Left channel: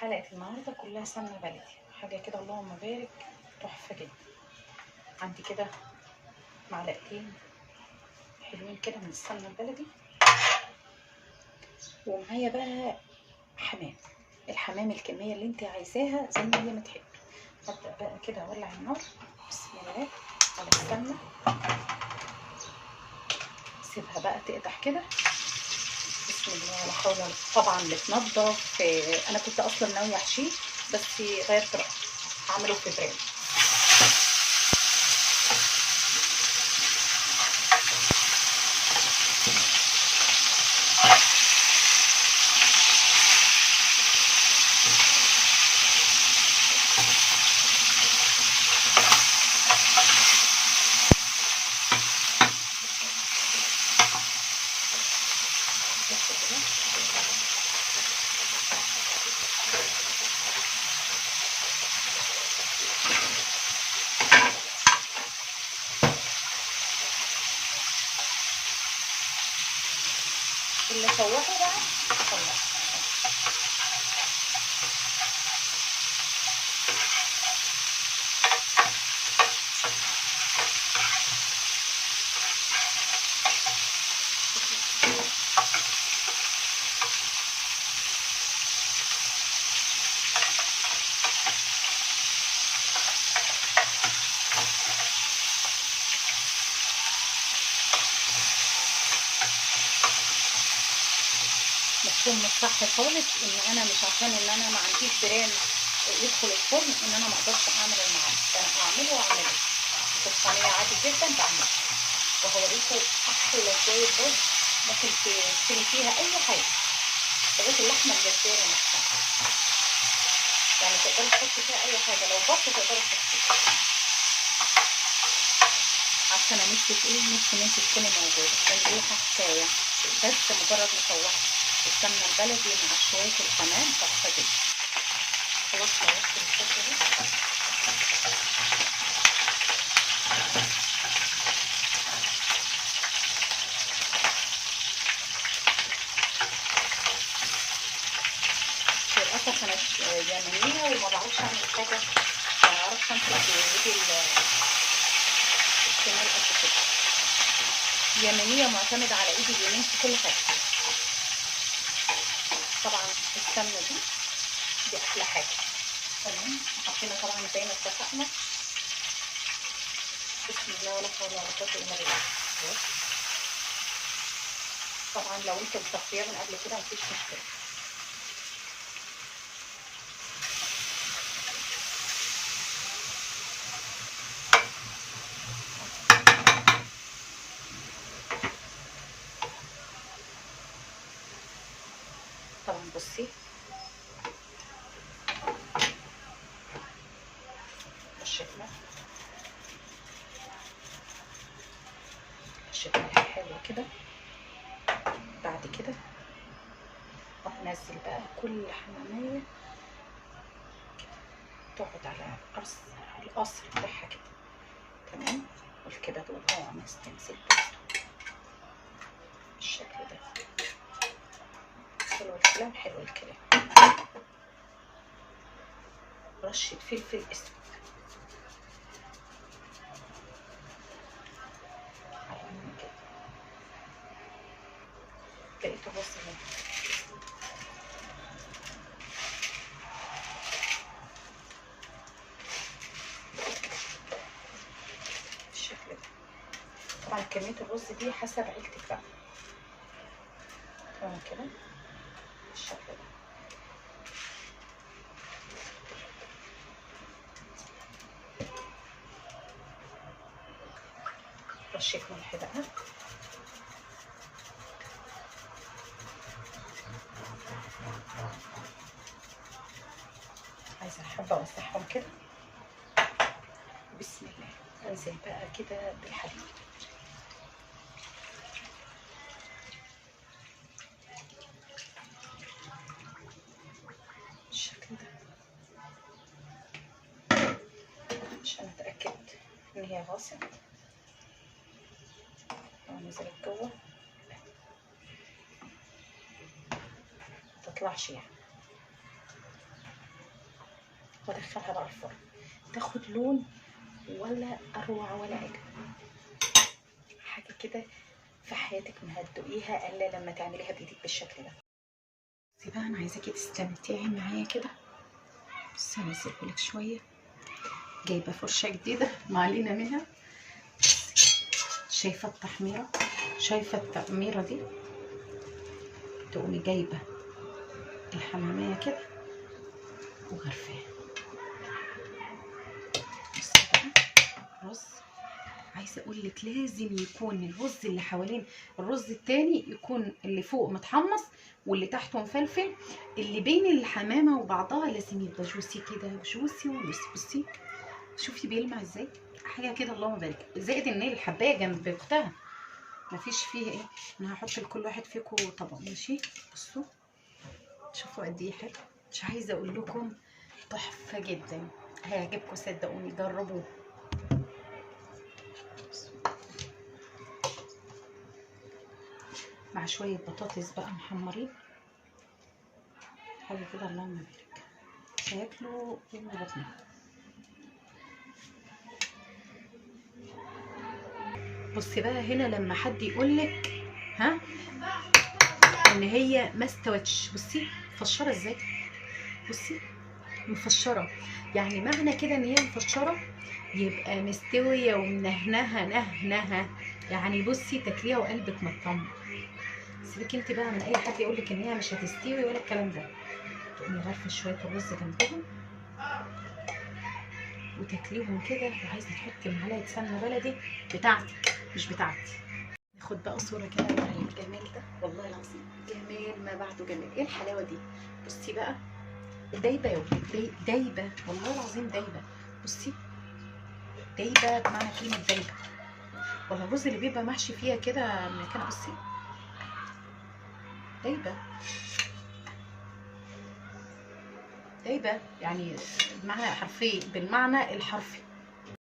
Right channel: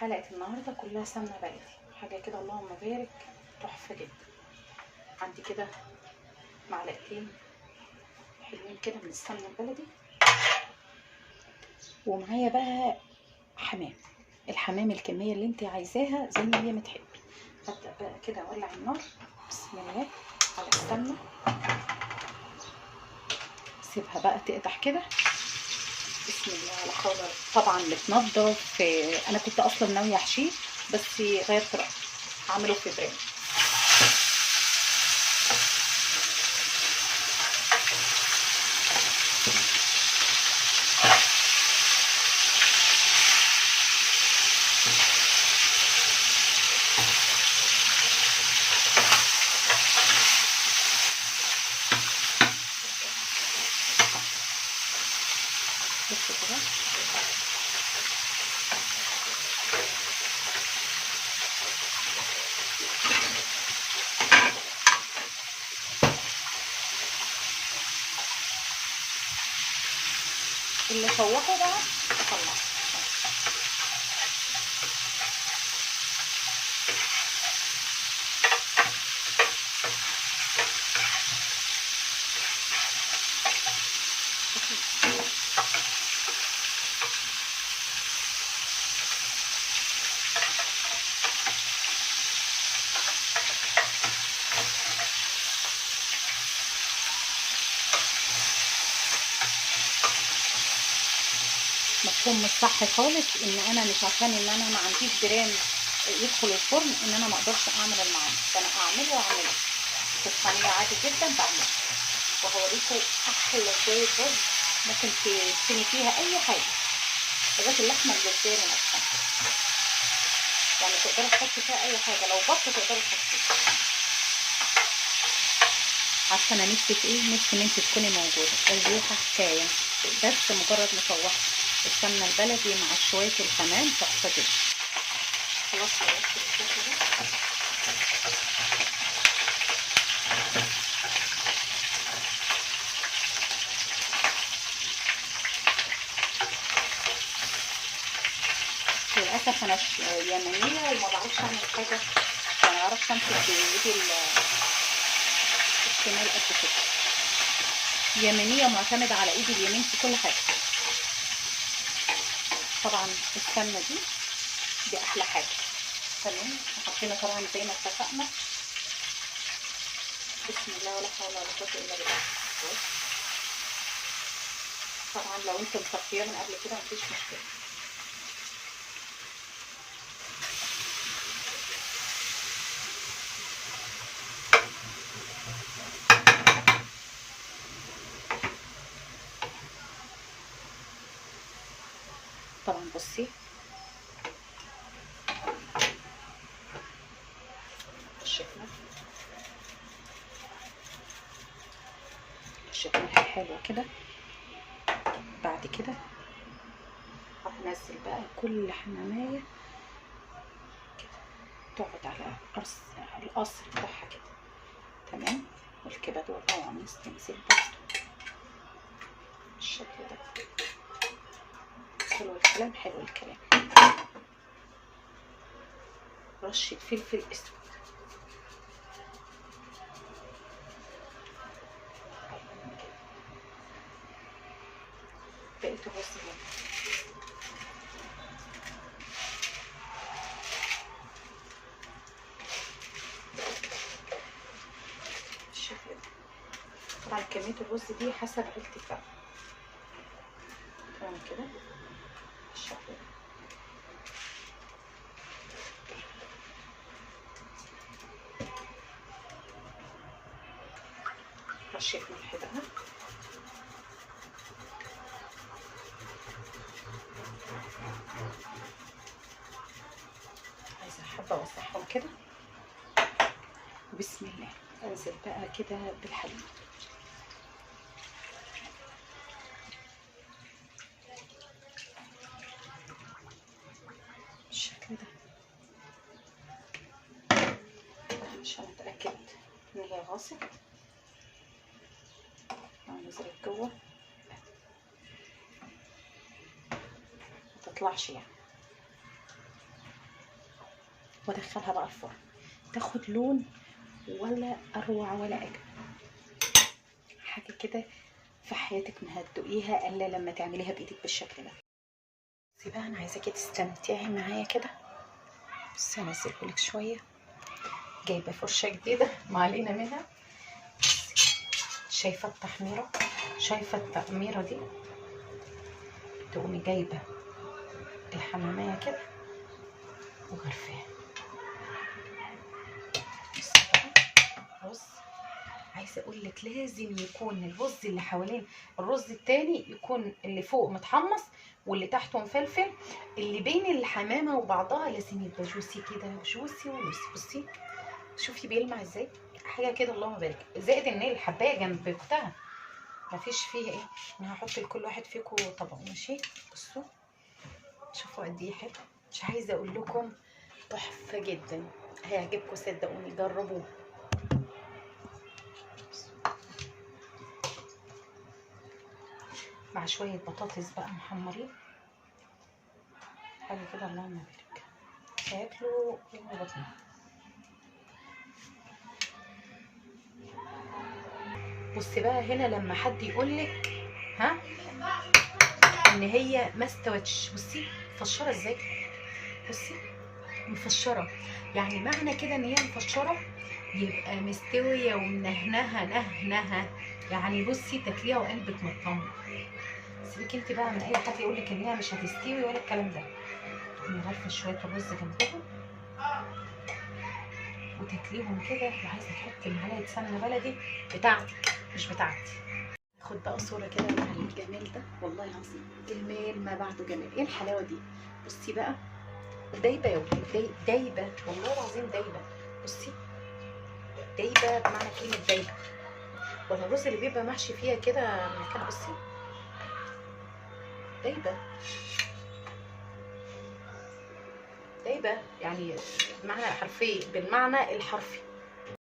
حلقة النهاردة كلها سمنة بلدي، حاجة كده اللهم بارك، تحفة جدا. عندي كده معلقتين حلوين كده من السمنة البلدي، ومعايا بقى حمام. الحمام الكمية اللي انت عايزاها زي ما هي ما تحبي. هبدأ بقى كده اولع النار، بسم الله، على السمنة، سيبها بقى تقدح كده، بسم الله لا حول ولا قوة. طبعا متنضف، انا كنت اصلا ناوية احشيه بس غيرت رأيي، هعمله في برام. بصوا كده، اللي شوحه بقى طلعه. مفهوم مش صح خالص ان انا مش عشان ان انا ما عنديش برام يدخل الفرن ان انا ما اقدرش اعمل المعاد. انا اعمله في الصينيه عادي جدا بعمله، وهوريكم احلى شويه رز ممكن تشيلي فيها اي حاجه لغايه اللحمه الجزاره نفسها، يعني تقدري تحطي فيها اي حاجه، لو بط تقدري تحطي. عارفه انا نفسي في ايه؟ نفسي ان انت تكوني موجوده. الريحه حكايه، بس مجرد مشوحه السمنه البلدي مع شويه الحمام تحفه جدا. خلاص خلصت الصوص ده. للاسف انا يمنيه وما بعرفش اعمل حاجه، ما بعرفش امسك بايدي الشمال قد كده. يمنيه معتمده على ايدي اليمين في كل حاجه. طبعا السمنه دي احلى حاجه. تمام، حطينا طبعا زي ما اتفقنا، بسم الله ولا حول ولا قوه الا بالله. طبعا لو انت مصفيه من قبل كده مفيش مشكله. طبعا بصي الشكل حلو كده. بعد كده هنزل بقى كل حمامية كده تقعد على القصر بتاعها كده. تمام، والكبد والقوانص تنزل برضه بالشكل ده. حلو الكلام، حلو الكلام. رشة فلفل اسود، بقيت الرز هنا. بالشكل ده. طبعا كمية الرز دي حسب عيلتك بقى. تمام كده بالشكل ده. رشة ملح بقى، عايزة حبة اوسعهم كده. بسم الله، انزل بقى كده بالحليب. بالشكل ده عشان اتاكد ان هي غاصت. نزلت جوه متطلعش يعني. وادخلها بقى الفرن تاخد لون ولا اروع ولا اجمل حاجه كده في حياتك ما هتدوقيها الا لما تعمليها بايدك بالشكل ده. بصي بقى انا عايزاكي تستمتعي معايا كده. بصي هنزلهولك شويه، جايبه فرشه جديده ما علينا منها. شايفه التحميره؟ شايفه التقميره دي؟ تقومي جايبه الحماميه كده وغرفاها. بصي بقى رز، عايزه اقول لك لازم يكون الرز اللي حوالين الرز التاني يكون اللي فوق متحمص واللي تحته مفلفل، اللي بين الحمامه وبعضها لازم يبقى جوسي كده، جوسي ولوسي. بصي شوفي بيلمع ازاي، حاجه كده اللهم بارك. زائد ان الحبايه جنب اختها مفيش فيها ايه. انا هحط لكل واحد فيكم طبق ماشي. بصوا شوفوا قد ايه حلو، مش عايزه اقول لكم تحفه جدا، هيعجبكم صدقوني، جربوه. مع شويه بطاطس بقى محمرين، حاجه كده اللهم بارك، هياكلوا يملوا بطنهم. بصي بقى هنا لما حد يقولك ها ان هي ما استوتش، بصي مفشره ازاي، بصي مفشره، يعني معنى كده ان هي مفشره يبقى مستويه ومنهنها نهنها، يعني بصي تاكليها وقلبك مطمن. سيبك انت بقى من اي حد يقولك ان هي مش هتستوي ولا الكلام ده. تقومي غرفه شويه الرز جنبهم وتاكليهم كده، وعايزه تحطي معلقه سمنه بلدي بتاعتك مش بتاعتي. ناخد بقى صوره كده على الجمال ده، والله العظيم جمال ما بعده جمال. ايه الحلاوه دي؟ بصي بقى دايبه يا ولاد، دايبه والله العظيم دايبه. بصي دايبه بمعنى كلمه دايبه، ولا الرز اللي بيبقى محشي فيها كده من كده. بصي دايبه دايبه يعني بمعنى حرفي، بالمعنى الحرفي.